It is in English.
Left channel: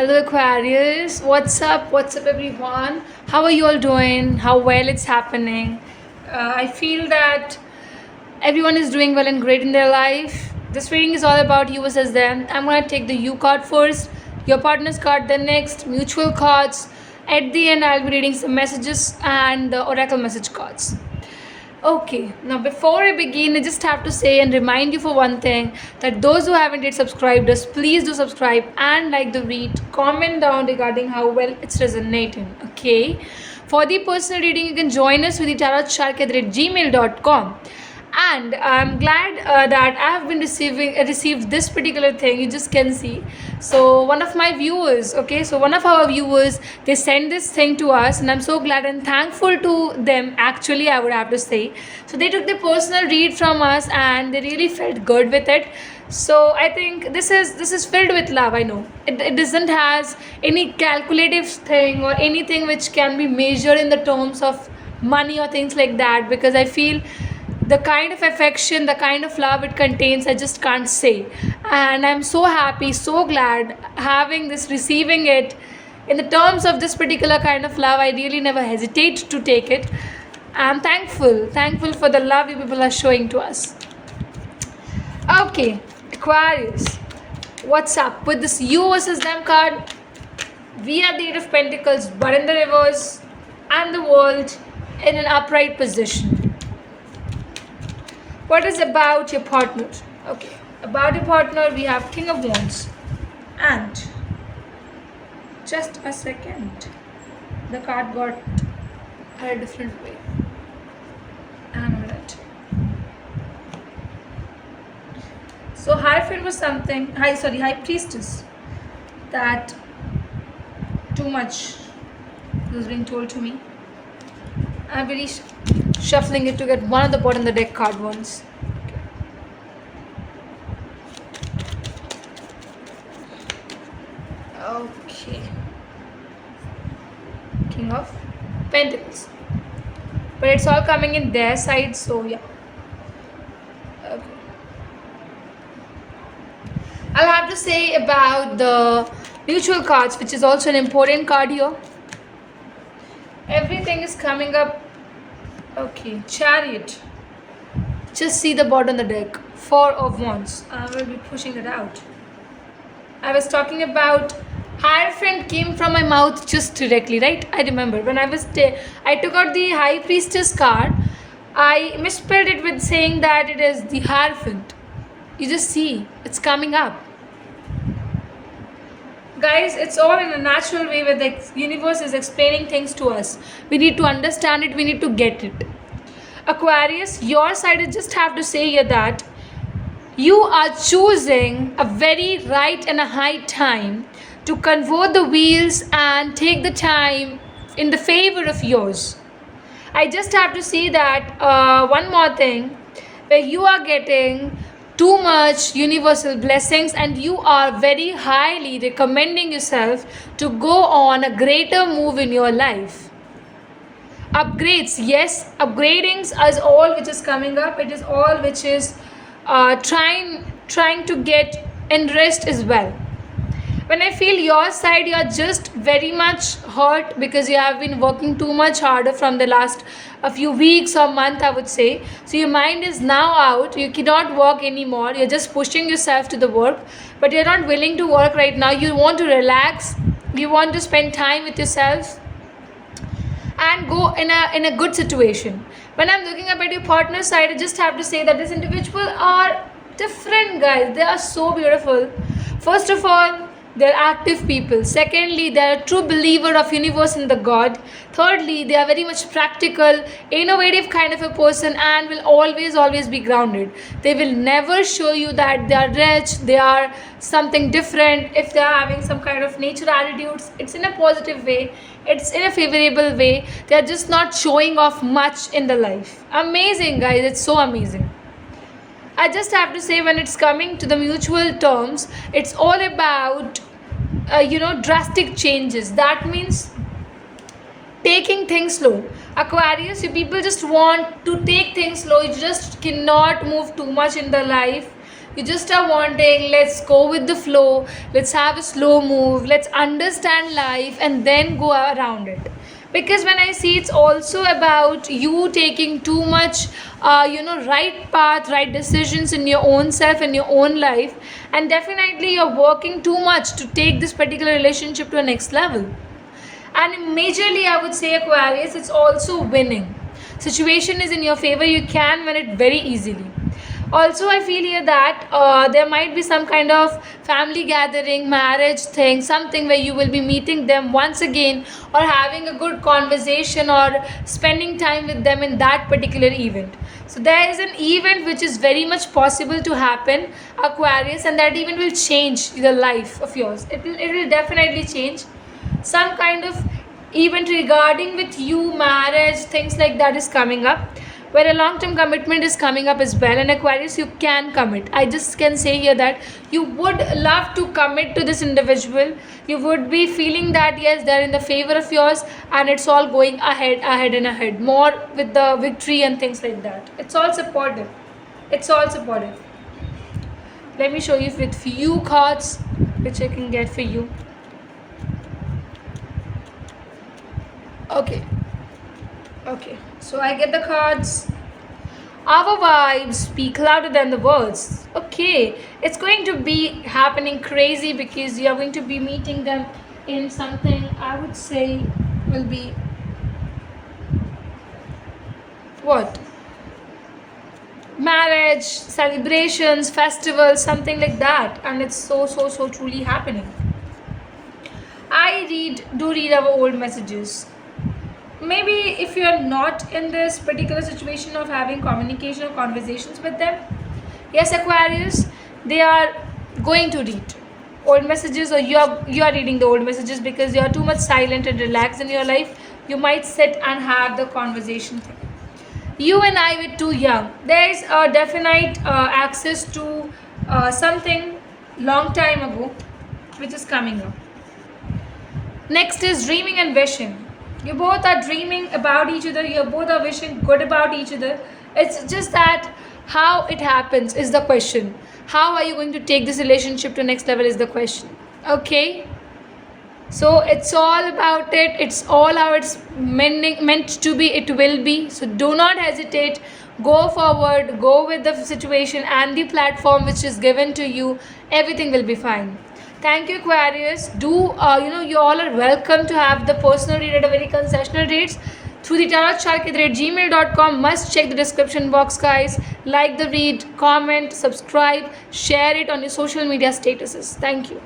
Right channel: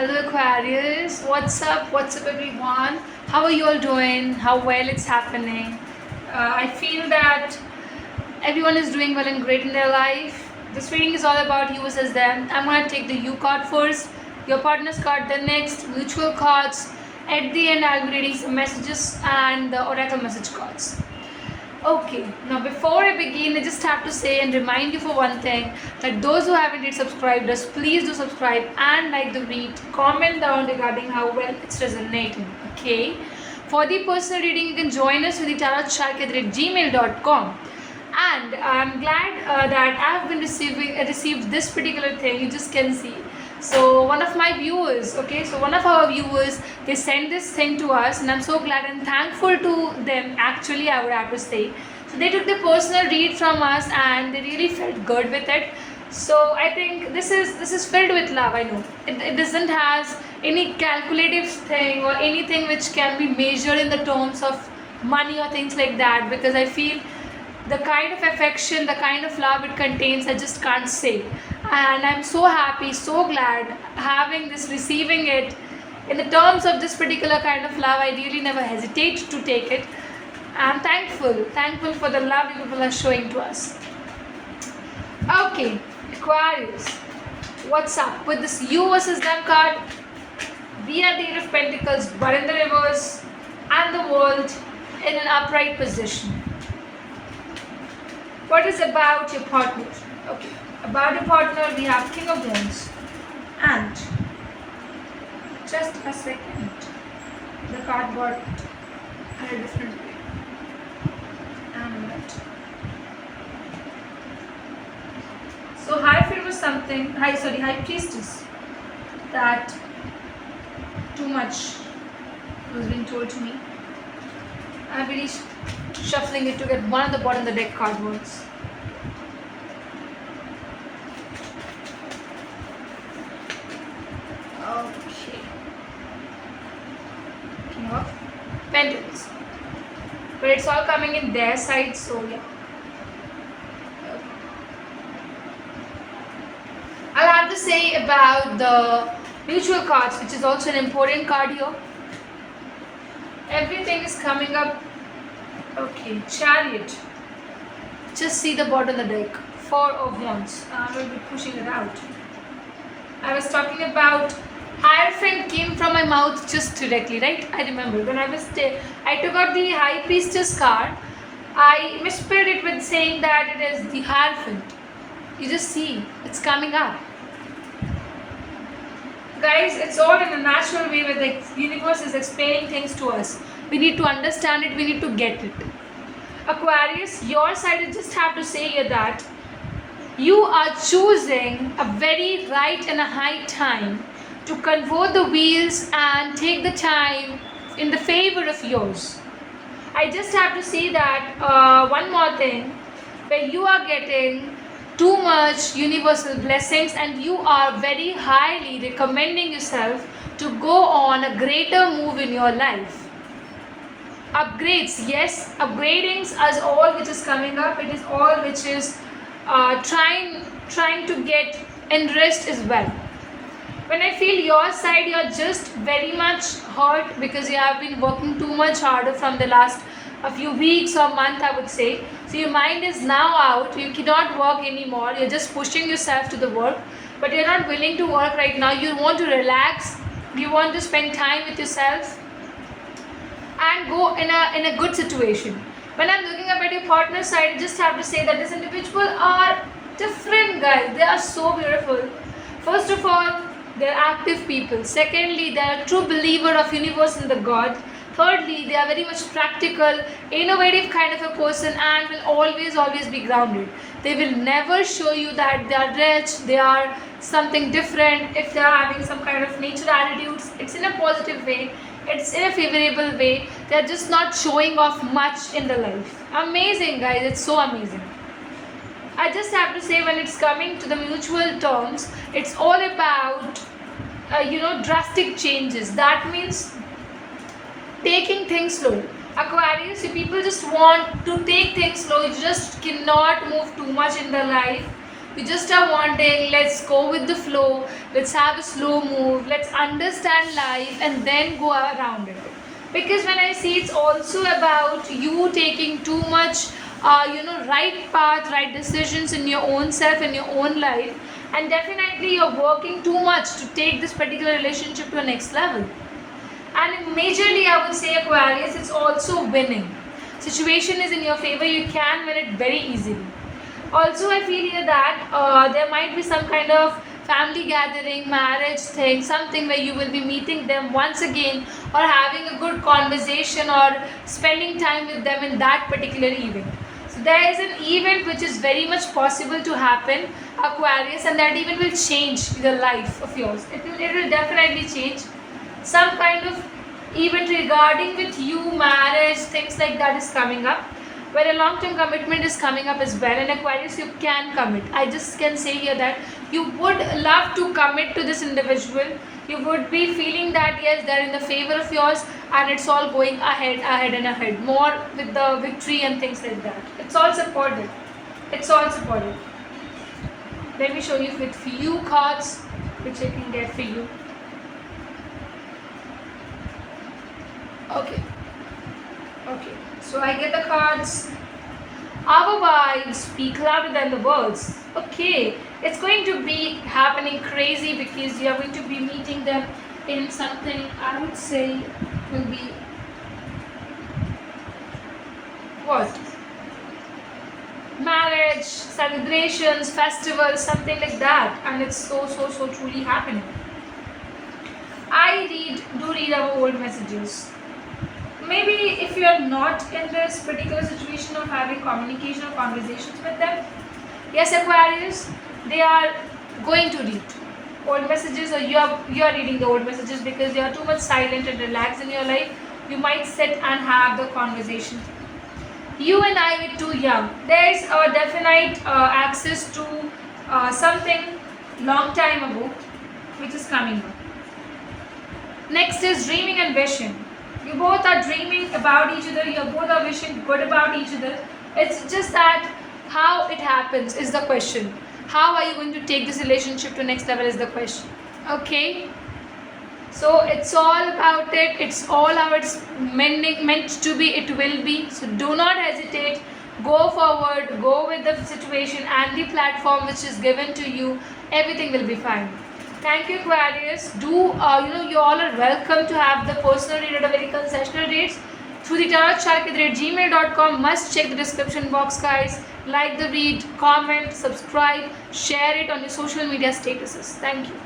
Hello Aquarius, what's up? What's up, everyone? How are you all doing? How well it's happening? I feel that everyone is doing well and great in their life. This reading is all about you versus them. I'm going to take the you card first, your partner's card then next, mutual cards. At the end, I'll be reading some messages and the oracle message cards. Okay, now before I begin, I just have to say and remind you for one thing that those who haven't yet subscribed us, please do subscribe and like the read. Comment down regarding how well it's resonating. Okay, for the personal reading, you can join us with the tarotshark@gmail.com. And I'm glad that I have been received this particular thing. You just can see. So one of my viewers, okay, so one of our viewers, they sent this thing to us, and I'm so glad and thankful to them. Actually, I would have to say. So they took the personal read from us, and they really felt good with it. So I think this is filled with love. I know it doesn't has any calculative thing or anything which can be measured in the terms of money or things like that, because I feel the kind of affection, the kind of love it contains, I just can't say. And I'm so happy, so glad having this, receiving it in the terms of this particular kind of love. I really never hesitate to take it. I'm thankful for the love you people are showing to us. Okay, Aquarius, what's up with this you versus them card? We are the Eight of Pentacles, but in the reverse, and the world in an upright position. What is about your partner? Okay, about your partner, we have King of Wands, and just a second, the card got a different way. And a minute. So Hierophant was something. High Priestess. That too much was being told to me. I'm really shuffling it to get one of the bottom of the deck card once. Okay. King of Pentacles. But it's all coming in their side, so yeah. Okay. I'll have to say about the mutual cards, which is also an important card here. Everything is coming up. Okay, Chariot. Just see the bottom of the deck. Four of Wands. I will be pushing it out. I was talking about Hierophant came from my mouth just directly, right? I remember when I took out the High Priestess card. I misspelled it with saying that it is the Hierophant. You just see, it's coming up. Guys, it's all in a natural way where the universe is explaining things to us. We need to understand it, we need to get it. Aquarius, your side, I just have to say here that you are choosing a very right and a high time to convert the wheels and take the time in the favor of yours. I just have to say that one more thing, where you are getting too much universal blessings and you are very highly recommending yourself to go on a greater move in your life. Upgrades, yes, upgradings is all which is coming up. It is all which is trying to get in rest as well. When I feel your side, you are just very much hurt because you have been working too much harder from the last a few weeks or month, I would say. So your mind is now out. You cannot work anymore. You're just pushing yourself to the work, but you're not willing to work right now. You want to relax. You want to spend time with yourself and go in a good situation. When I'm looking up at your partner side, I just have to say that this individual are different, guys. They are so beautiful. First of all, they're active people. Secondly, they're a true believer of universe and the God. Thirdly, they are very much practical, innovative kind of a person and will always be grounded. They will never show you that they are rich, they are something different. If they are having some kind of nature attitudes, it's in a positive way, it's in a favorable way. They're just not showing off much in the life. Amazing, guys. It's so amazing. I just have to say, when it's coming to the mutual terms, it's all about drastic changes. That means taking things slow. Aquarius, you people just want to take things slow. You just cannot move too much in the life. You just are wanting, let's go with the flow, let's have a slow move, let's understand life and then go around it. Because when I see, it's also about you taking too much right path, right decisions in your own self, in your own life, and definitely you're working too much to take this particular relationship to a next level. And majorly, I would say, Aquarius, it's also winning. Situation is in your favor, you can win it very easily. Also, I feel here that there might be some kind of family gathering, marriage thing, something where you will be meeting them once again, or having a good conversation, or spending time with them in that particular event. So there is an event which is very much possible to happen, Aquarius, and that event will change the life of yours. It will definitely change. Some kind of event regarding with you, marriage, things like that is coming up, where a long-term commitment is coming up as well. And Aquarius, you can commit. I just can say here that you would love to commit to this individual. You would be feeling that yes, they're in the favor of yours, and it's all going ahead and ahead, more with the victory and things like that. It's all supported. It's all supported. Let me show you with few cards which I can get for you. Okay, so I get the cards. Our vibes speak louder than the words. Okay, it's going to be happening crazy because you are going to be meeting them in something I would say will be what? Marriage, celebrations, festivals, something like that, and it's so truly happening. I do read our old messages. Maybe if you are not in this particular situation of having communication or conversations with them, yes, Aquarius, they are going to read old messages, or you are reading the old messages because you are too much silent and relaxed in your life. You might sit and have the conversation. You and I were too young. There is a definite access to something long time ago which is coming up. Next is dreaming and wishing. You both are dreaming about each other, you both are wishing good about each other. It's just that how it happens is the question. How are you going to take this relationship to next level is the question. Okay, so it's all about it. It's all how it's meant to be, it will be. So do not hesitate, go forward, go with the situation and the platform which is given to you. Everything will be fine. Thank you, Aquarius. You all are welcome to have the personal read at a very concessional rates through the tarotshark@gmail.com. Must check the description box, guys. Like the read, comment, subscribe, share it on your social media statuses. Thank you.